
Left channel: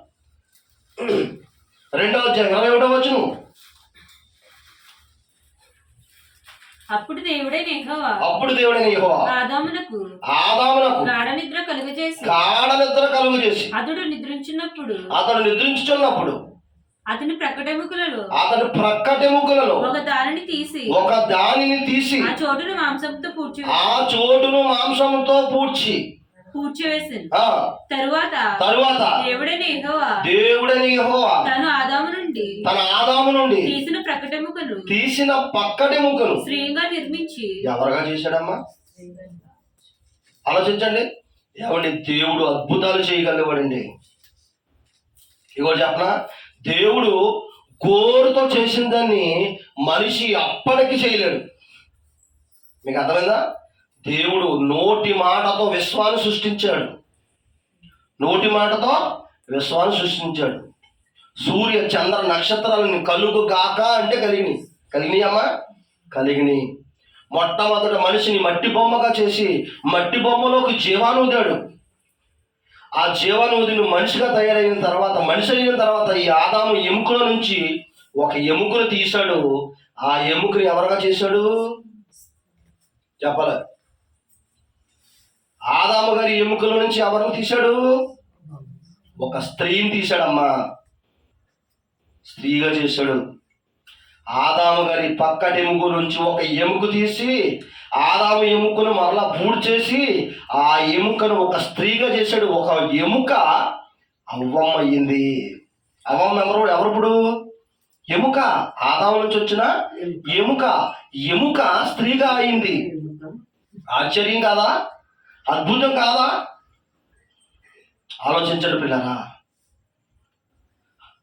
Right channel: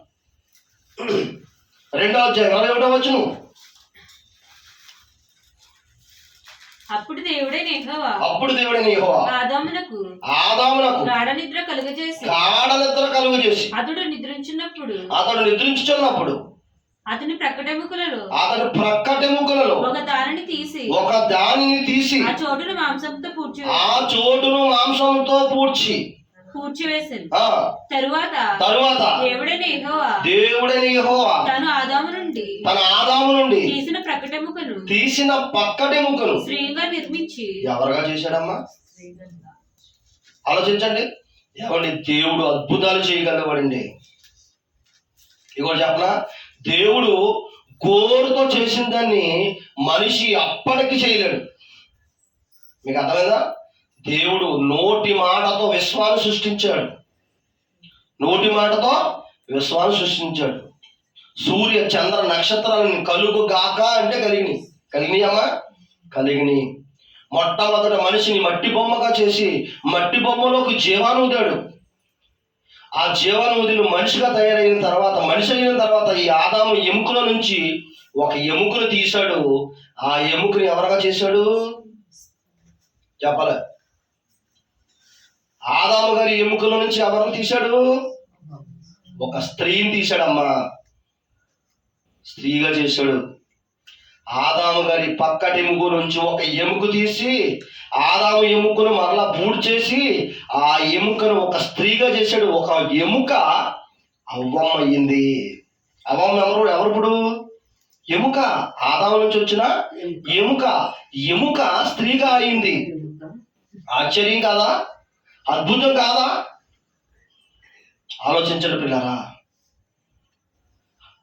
రెండవ అధ్యాయం ఇరవై ఒకటో వచ్చును అప్పుడు దేవుడే నెహోవా అప్పుడు దేవుడైన యెహోవా. ఆదామునకు ఆదామునకు గాఢ నిద్ర కలుగజేసి గాఢ నిద్ర కలుగు చేసి అతడు నిద్రించినప్పుడు అతడు నిద్రించుచున్నప్పుడు అతని ప్రకటముకులలో అతడు ప్రక్కటెముకలలో ఒక దారిని తీసి ఒక దానిని తీసి ఆ చోటును మాంసంతో పూడ్చి ఆ చోటును మాంసంతో పూడ్చి పూడ్చివేసింది ఆ. తరువాత తరువాత దేవుడైన యెహోవా దేవుడని యెహోవా తను ఆదాము నుండి తన ఆదాము నుండి తీసిన ప్రకటముకను తీసిన పక్కటెముకను స్త్రీగా నిర్మించి ఎవరుగా చేశాడమ్మా? ఆలోచించండి. ఎవరిని దేవుడు అద్భుతాలు చేయగలవాడండి? ఇగో చెప్పనా? దేవుడు గోరుతో చేసిన దాన్ని మనిషి అప్పటికి చేయలేడు. మీకు అర్థమైందా? దేవుడు నోటి మాటతో విశ్వాన్ని సృష్టించాడు. నోటి మాటతో విశ్వాన్ని సృష్టించాడు. సూర్య చంద్ర నక్షత్రాలను కలుగు గాక అంటే కలిగినాయి కలిగిని అమ్మా? కలిగిని. మొట్టమొదట మనిషిని మట్టి బొమ్మగా చేసి మట్టి బొమ్మలోకి జీవాను ఊదాడు. ఆ జీవనూదిని మనిషిగా తయారైన తర్వాత మనిషి అయిన తర్వాత ఈ ఆదాము ఎముకల నుంచి ఒక ఎముకను తీశాడు. ఆ ఎముకని ఎవరుగా చేశాడు? చెప్పాలి? ఆదాము గారి ఎముకల నుంచి ఎవరిని తీశాడు? ఒక స్త్రీని తీశాడమ్మా. స్త్రీగా చేశాడు. ఆదాము గారి పక్కటి ఎముక నుంచి ఒక ఎముక తీసి ఆదాము ఎముకను మరలా పూడ్ చేసి ఆ ఎముకను ఒక స్త్రీగా చేశాడు. ఒక ఎముక అవ్వం అయ్యింది అవ్వం ఎవరు ఎవరు ఇప్పుడు? ఎముక. ఆదాము నుంచి వచ్చిన ఎముక. ఎముక. స్త్రీగా అయింది. ఆశ్చర్యం కాదా? అద్భుతం కాదా? ఆలోచించండి పిల్లరా.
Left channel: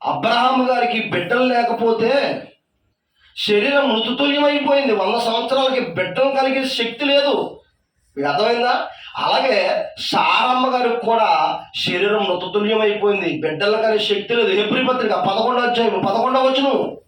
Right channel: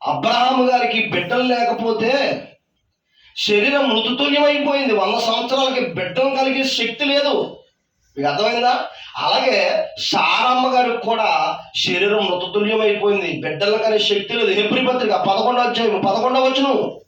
అబ్రహాం గారికి బిడ్డలు లేకపోతే శరీరం మృతుతుల్యమైపోయింది. వంద సంవత్సరాలకి బిడ్డలు కలిగే శక్తి లేదు. మీకు అర్థమైందా? అలాగే సారమ్మ గారికి కూడా శరీరం మృతతుల్యమైపోయింది. బిడ్డలు కలిగే శక్తి లేదు. ఎప్పుడు పత్రిక పదకొండవ అధ్యాయం పదకొండవ వచ్చును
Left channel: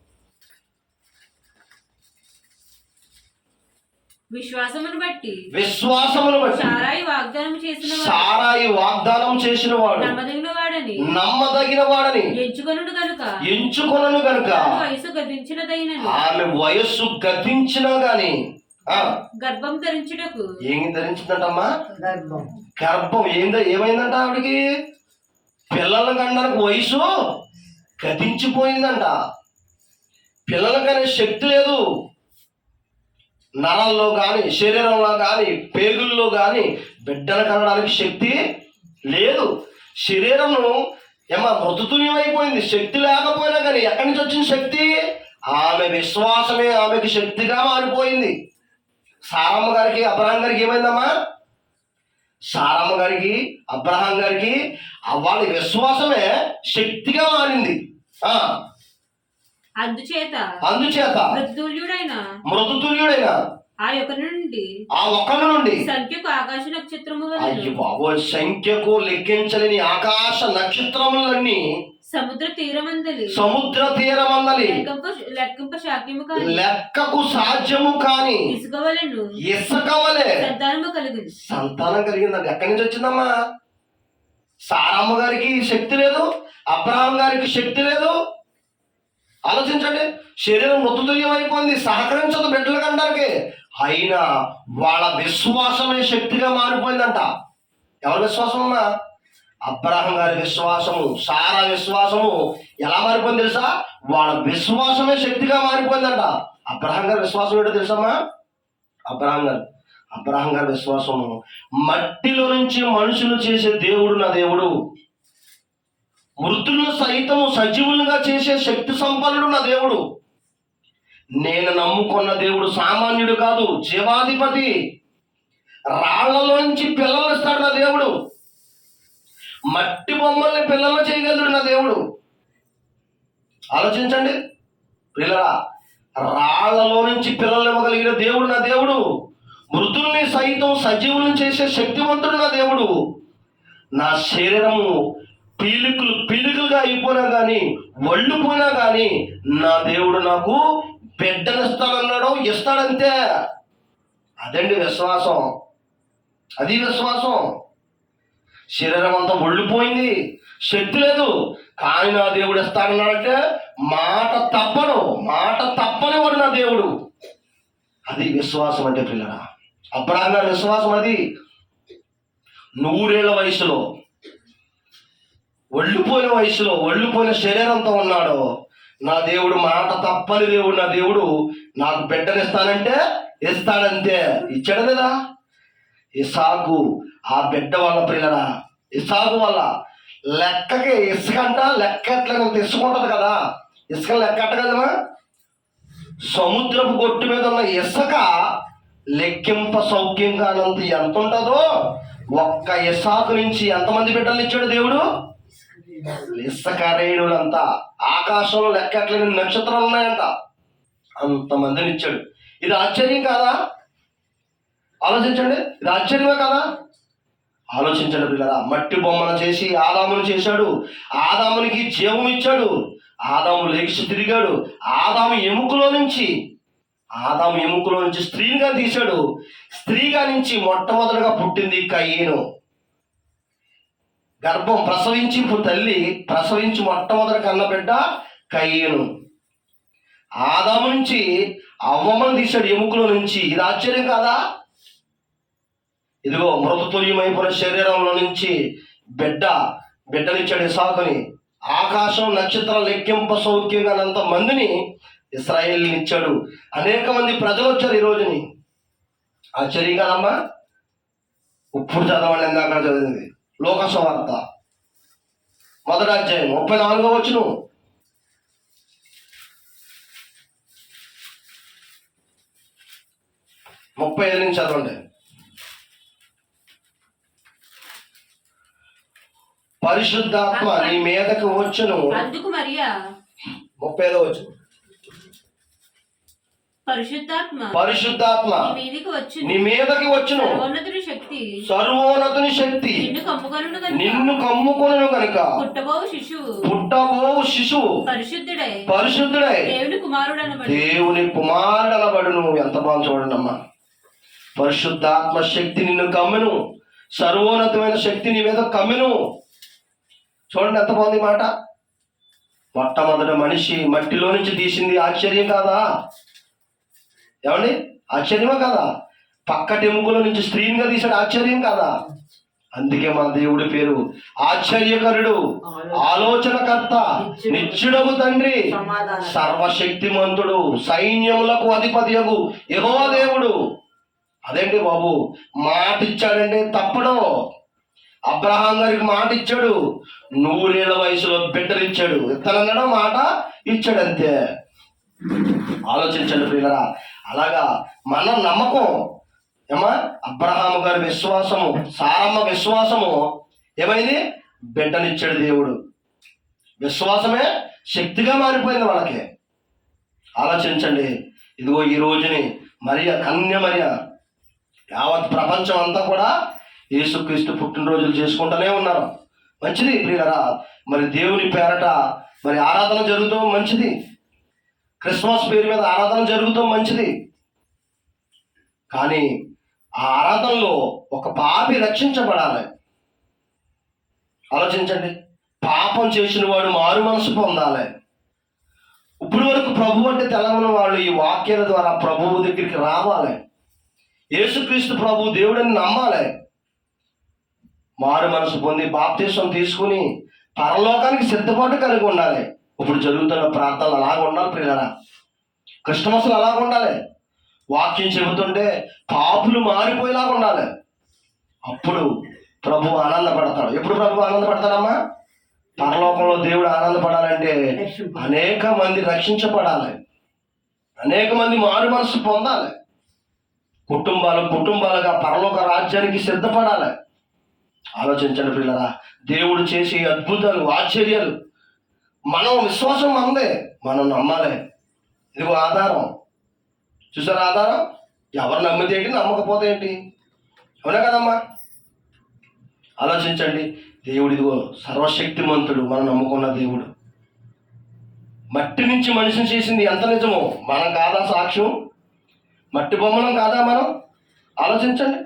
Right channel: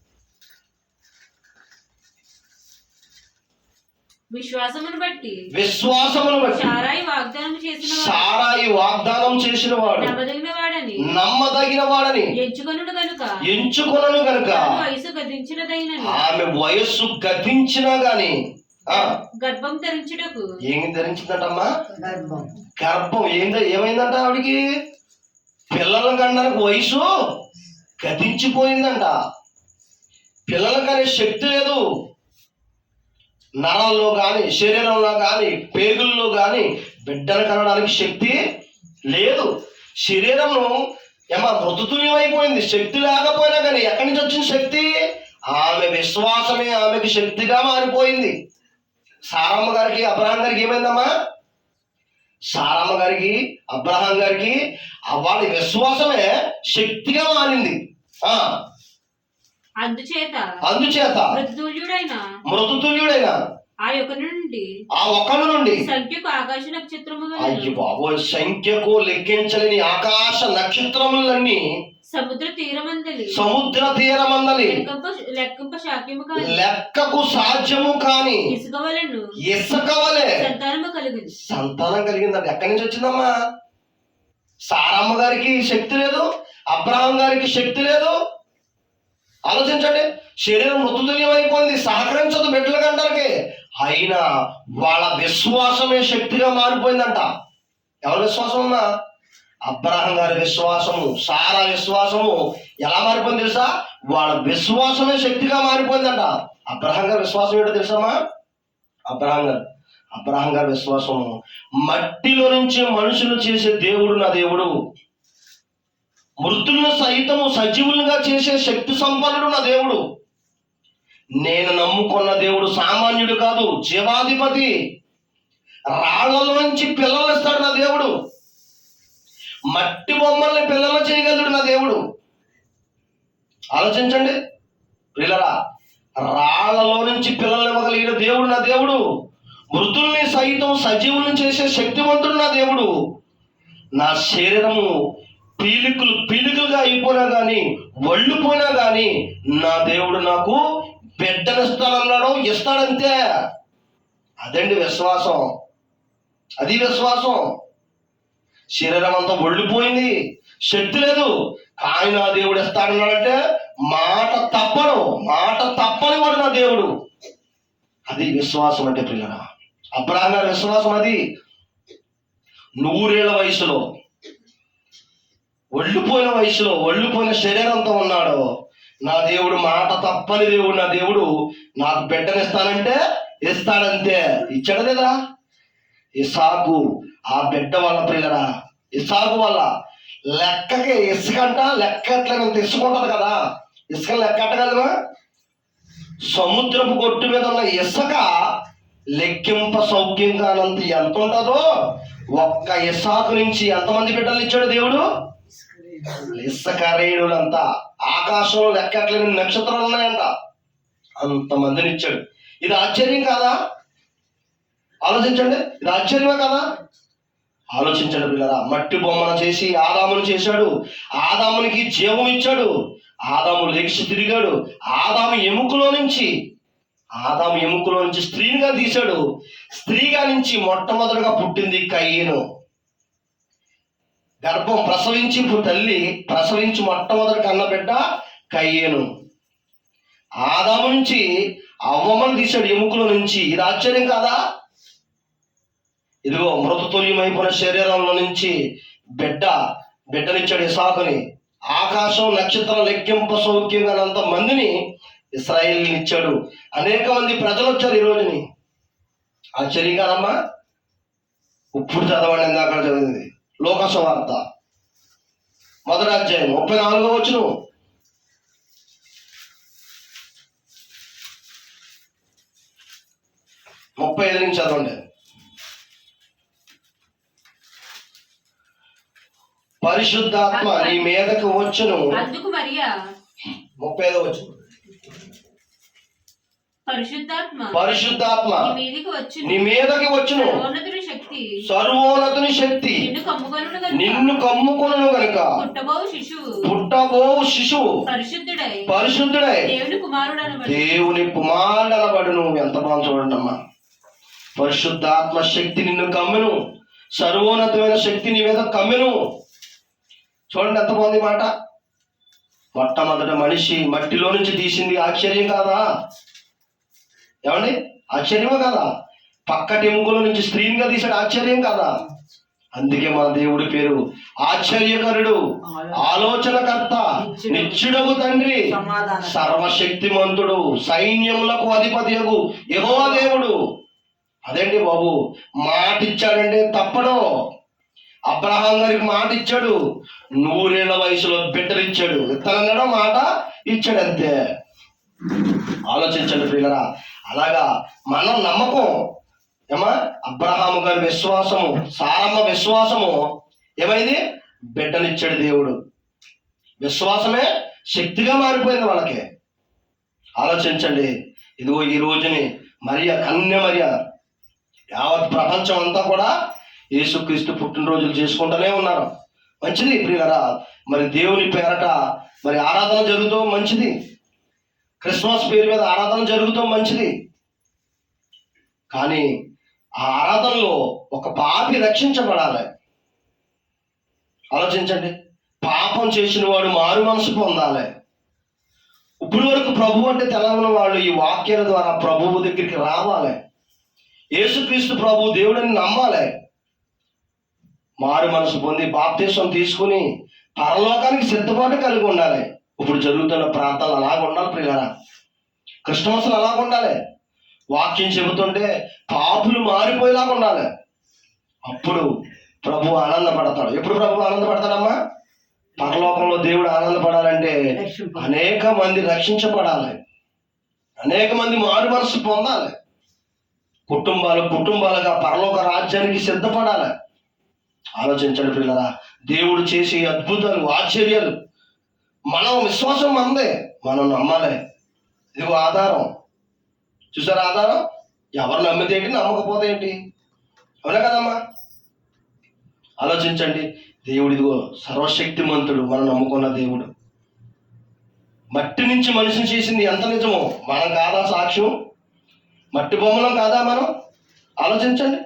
విశ్వాసమును బట్టి విశ్వాసమును బట్టి సారాయి వాగ్దానం చేసిన సారాయి వాగ్దానం చేసిన వాడు నమ్మదగిన వాడని నమ్మదగిన వాడని ఎంచుకొనుడు కనుక ఎంచుకొనను కనుక వయసు గతించినదైనని. ఆమె వయస్సు గతించినా గాని ఆ, గర్భం ధరించుటకు ఏం ధరించిందంటమ్మా? గర్భం. గర్భం. ఏంద? ఏమైందంట ఆవిడికి? పిల్లల కన్నానికి వయసు గతించిపోయిందంట. పిల్లలకు అనే శక్తి లేదు. నరాల్లో కానీ శరీరంలో కానీ పేగుల్లో కానీ బిడ్డలు కనడానికి శక్తి లేదు. శరీరము ఏమా మృతుతుల్యమైపోయింది. శక్తి లేకపోయినా కానీ ఎక్కడి నుంచి వచ్చిన శక్తి? ఆమె విశ్వాసమే ఆమెకి శక్తిగా మారిపోయింది. సారమ్మ గారికి అబ్రహాం గారికి ఏమైందమ్మా? సారమ్మ గారికి అబ్రహాం గారికి వాళ్ళ విశ్వాసమే శక్తిగా మారింది. ఆ అందుచేత అందుచేత మృతుల్యుడైన మృతుతుల్యుడైన ఆ యొక్క నుండి ఆ ఒక్కడి నుండి సంఖ్యకు ఆకాశ నక్షత్రము అయ్యో బాబోయ్ సంఖ్యకు లెక్కించలేని ఆకాశ నక్షత్రములన్నీ సముద్ర తీరమందలి సముద్ర తీరమందలి లెక్కంప శాక్యము కాని లెక్కకు సాధ్యము కాని ఇసుక వలెను ఇసుకవలే సంతానము కలిగింది సంతానం కలిగిందండి. ఎక్కడి నుంచి వచ్చిందమ్మా? సారమ్మ గారికి శక్తి లేదు అబ్రహాం గారికి శక్తి లేదు ఆలోచించండి. శరీరం మృతుతుల్యం అయిపోయింది సహకరించదు బిడ్డల కంటానికి అయినా వాళ్ళ విశ్వాసమే శక్తిగా మారిపోయిందంట. ఎవరి విశ్వాసం అమ్మా? అబ్రహం గారి విశ్వాసము సారా విశ్వాసము ఎలా మారిపోయింది తెలుసా? వాళ్ళ విశ్వాసమే శక్తిగా మారిపోయిందంట. అబ్రహం గారి విశ్వాసం ఏంటో తెలుసామా అబ్రహం గారు అబ్రహం గారి విశ్వాసము మట్టిలో నుంచి మనుషులు చేసే దేవుడు నా దేవుడు. మృతులను సైతము సజీవులుగా చేసే శక్తి సంపన్నుడు నా దేవుడు. నేను నమ్ముకున్న దేవుడు సామాన్యుడు కాదు జీవాధిపతి. రాళ్ళలోంచి పిల్లలు ఇస్తాడు నా దేవుడు. మట్టి బొమ్మల్ని పిల్లలు చేయగలడు నా దేవుడు. ఆలోచించండి. పిల్లల రాళ్ళలో నుంచి పిల్లలు ఇవ్వగలిగిన దేవుడు నా దేవుడు. మృతుల్ని సైతం సజీవుల్ని చేసే శక్తివంతుడు నా దేవుడు. నా శరీరము పీలుకులు పీలుకులుగా అయిపోయినా కానీ వళ్ళు పోయినా కానీ నా దేవుడు నాకు బిడ్డనిస్తానన్నాడు ఇస్తాడంతే. అదండి విశ్వాసం. అది విశ్వాసం. శరీరం అంతా ఒళ్ళిపోయింది శక్తి లేదు. కానీ నా దేవుడు ఇస్తాడన్నాడంటే మాట తప్పను. మాట తప్పని వాడు నా దేవుడు. అది విశ్వాసం అంటే పిల్లరా అబ్రాహ్మ విశ్వాసం అది. నూరేళ్ళ వయసులో ఒళ్ళిపోయిన వయసులో ఒళ్ళిపోయిన శరీరంతో ఉన్నాడు నా దేవుడు మాట తప్పని దేవుడు నా దేవుడు నాకు బిడ్డనిస్తానంటే ఇస్తాడంతే. ఇచ్చాడు లేదా? ఇసాకు ఆ బిడ్డ వల్ల పిల్లరా ఇసాకు వల్ల లెక్కకి ఇసుక అంట లెక్క ఎట్లా ఇంత కదా. ఇసుక లెక్క ఎట్టగలమా సముద్రపు గొట్టు మీద ఉన్న ఇసుక లెక్కింప సౌఖ్యం కానంత ఎంత ఉంటుందో ఒక్క ఇసాకు నుంచి ఎంతమంది బిడ్డలు ఇచ్చాడు దేవుడు? లిస్సకారేయుడంతా ఆకాశంలో లెక్కట్లేని నక్షత్రాలు ఉన్నాయంట. అంతమందిని ఇచ్చాడు ఇది ఆశ్చర్యం కాదా? ఆలోచించండి. ఇది ఆశ్చర్యమే కదా? ఆలోచించండి పిల్లరా. మట్టి బొమ్మను చేసి ఆదామును చేశాడు. ఆదామునికి జీవం ఇచ్చాడు. ఆదాము లేచి తిరిగాడు. ఆదాము ఎముకలో నుంచి ఆదాము ఎముకలో నుంచి స్త్రీనిగా తీశాడు. స్త్రీగా నుంచి మొట్టమొదటిగా పుట్టింది కయ్యను గర్భం ప్రసవించి ఇప్పుడు తల్లి ప్రసవించి మొట్టమొదటి కన్న బిడ్డ కయ్యను. ఆదాము నుంచి అవ్వమని తీశాడు ఎముకలో నుంచి ఇది ఆశ్చర్యం కాదా? ఇదిగో మృతతుల్యమైపోయిన శరీరంలో నుంచి బిడ్డ బిడ్డనిచ్చాడు ఇసాకుని. ఆకాశం నక్షత్రం లెక్కింప సౌఖ్యంగానంత మందిని ఇస్రాయిల్ని ఇచ్చాడు. అనేక మంది ప్రజలు వచ్చారు ఈ రోజుని. ఆశ్చర్యం కాదమ్మా? ఇప్పుడు చదవండి ఇందాక చదివింది. లోకస వార్త మొదటి అధ్యాయం ముప్పై నాలుగో వచ్చును ముప్పై ఐదు నుంచి చదవండి. పరిశుద్ధాత్మ నీ మీదకు వచ్చును. అందుకు మరియా? ముప్పై ఐదో వచ్చును పరిశుద్ధాత్మ పరిశుద్ధాత్మ నీ మీదికి వచ్చును. సర్వోన్నతుని శక్తి సర్వోన్నతుని శక్తి నిన్ను కమ్ముకొను గనుక. పుట్టబోవు శిశువు పుట్టబోవు శిశువు పరిశుద్ధుడై. పరిశుద్ధుడై. దేవుని కుమారుడు దేవుని కుమారుడు అనబడును ఎంత బాగా చూడండి అమ్మా పరిశుద్ధాత్మ శక్తి నిన్ను కమ్మెను. సర్వోన్నతమైన శక్తి నీ మీద కమ్మెను. చూడండి ఎంత బాగుంది మాట. మొట్టమొదటి మనిషి మట్టిలో నుంచి తీసింది ఆశ్చర్యం కాదా? ఏమండి? ఆశ్చర్యమా కాదా? పక్కటి ఎముకలో నుంచి స్త్రీనిగా తీసాడు ఆశ్చర్యం కాదా? అందుకే మన దేవుడి పేరు ఆశ్చర్యకరుడు ఆలోచనకర్త నిత్యుడగు తండ్రి సర్వశక్తిమంతుడు సైన్యములకు అధిపతియగు యహో దేవుడు. అదేంటి బాబు? మాట ఇచ్చాడంటే తప్పడు. అబ్రహాం గారికి మాట ఇచ్చాడు నూరేళ్ళ వయసులో బిడ్డలు ఇచ్చాడు ఇత్తనన్నాడా మాట ఇచ్చాడు అంతే ఆలోచించండి ప్రియులరా. అలాగా మన నమ్మకం ఏమా? అబ్రహాము గారి విశ్వాసము సారమ్మ విశ్వాసము ఏమైంది? బిడ్డనిచ్చాడు దేవుడు. విశ్వాసమే శక్తిగా మారిపోయింది వాళ్ళకి. ఆలోచించండి. ఇదిగో ఈ రోజుని మరియ కన్య మరియ యావత్ ప్రపంచం అంతా కూడా యేసుక్రీస్తు పుట్టినరోజులు చేసుకుంటూనే ఉన్నారు. మంచిది ప్రియులరా. మరి దేవుని పేరట మరి ఆరాధన జరుగుతూ మంచిది. క్రిస్మస్ పేరు మీద ఆరాధన జరుగుతూ మంచిది. కానీ ఆ ఆరాధనలో ఒక పాపి రక్షించబడాలి. ఆలోచించండి. పాపం చేసిన వాడు మారు మనసు పొందాలి. ఇప్పుడు వరకు ప్రభు అంటే తెలవని వాళ్ళు ఈ వాక్యాల ద్వారా ప్రభువు దగ్గరికి రావాలి. యేసుక్రీస్తు ప్రభు దేవుడిని నమ్మాలి. మారు మనసు పొంది బాప్తీసం తీసుకుని పరలోకానికి సిద్ధపాటు కలిగి ఉండాలి. ఇప్పుడు జరుగుతున్న ప్రాంతాలు అలాగ ఉండాలి ప్రియారా క్రిస్టమస్లు అలాగ ఉండాలి. వాక్యం చెబుతుంటే పాపులు మారిపోయేలాగా ఉండాలి. అప్పుడు ప్రభు ఆనందపడతాడు. ఎప్పుడు ప్రభు ఆనందపడతాడమ్మా? పరలోకంలో దేవుడు ఆనందపడాలంటే అనేక మంది రక్షించబడాలి. అనేక మంది మారు మనసు పొందాలి. కుటుంబాలు కుటుంబాలుగా పరలోక రాజ్యానికి సిద్ధపడాలి. ఆలోచించండి పిల్లరా దేవుడు చేసే అద్భుతాలు ఆశ్చర్యాలు మనం విశ్వాసం మనదే మనం నమ్మాలి. ఇదిగో ఆధారం. చూసారా ఆధారం? ఎవరు నమ్మితే ఏంటి నమ్మకపోతే ఏంటి? అవునా కదమ్మా? ఆలోచించండి. దేవుడు ఇదిగో సర్వశక్తిమంతుడు మనం నమ్ముకున్న దేవుడు. మట్టి నుంచి మనిషిని చేసింది ఎంత నిజమో? మనం కాదా సాక్ష్యం? మట్టి బొమ్మలం కాదా మనం? ఆలోచించండి.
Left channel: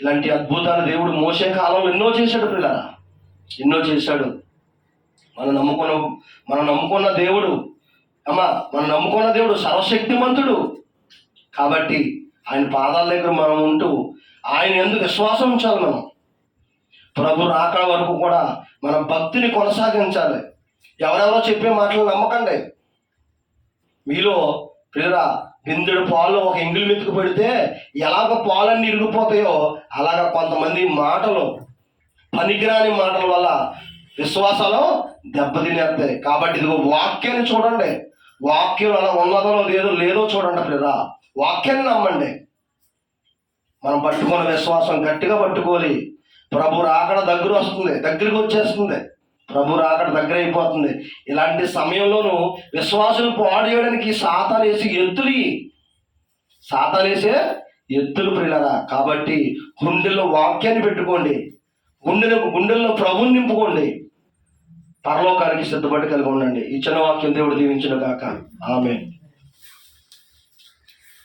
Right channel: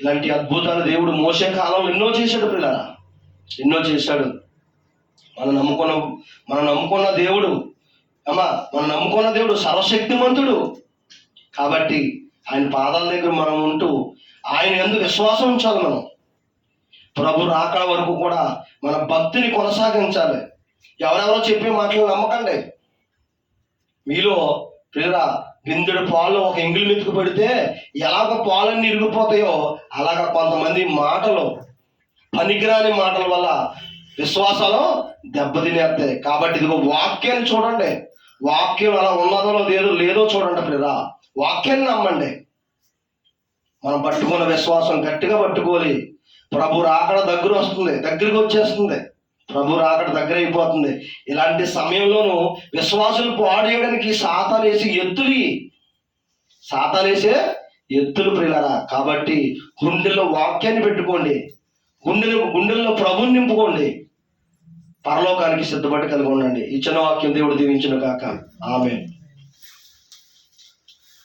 ఇలాంటి అద్భుతాలు దేవుడు మోసే కాలంలో ఎన్నో చేశాడు పిల్లల ఎన్నో చేశాడు. మనం నమ్ముకున్న మనం నమ్ముకున్న దేవుడు. అమ్మా మనం నమ్ముకున్న దేవుడు సర్వశక్తిమంతుడు. కాబట్టి ఆయన పాదాల దగ్గర మనం ఉంటూ ఆయన ఎందుకు విశ్వాసం ఉంచాలి మనం. ప్రభు రాకడ వరకు కూడా మన భక్తిని కొనసాగించాలి. ఎవరెవరో చెప్పే మాటలు నమ్మకండి. మీలో పిల్లరా బిందెడు పాలు ఒక ఎంగిలి మెతుకు పెడితే ఎలాగ పాలన్నీ ఇరిగిపోతాయో అలాగ కొంతమంది మాటలు పనికిరాని మాటల వల్ల విశ్వాసాలు దెబ్బతినేస్తాయి కాబట్టి ఇదిగో వాక్యాన్ని చూడండి. వాక్యం అలా ఉన్నదో లేదో లేదో చూడండి పిల్లరా. వాక్యాన్ని నమ్మండి. మనం పట్టుకున్న విశ్వాసం గట్టిగా పట్టుకోవాలి. ప్రభు రాకడ దగ్గర వస్తుంది దగ్గరికి వచ్చేస్తుంది. ప్రభు రాకడ దగ్గర అయిపోతుంది. ఇలాంటి సమయంలోనూ విశ్వాసం పాడు చేయడానికి సాతానేసి ఎత్తులు సాతాలేసే ఎత్తులు ప్రియులరా కాబట్టి గుండెల్లో వాక్యాన్ని పెట్టుకోండి. గుండెలో గుండెల్లో ప్రభుని నింపుకోండి. పరలోకానికి సిద్ధపడి కలిగి ఉండండి. ఇచ్చిన వాక్యం దేవుడు దీవించిన కాక ఆమె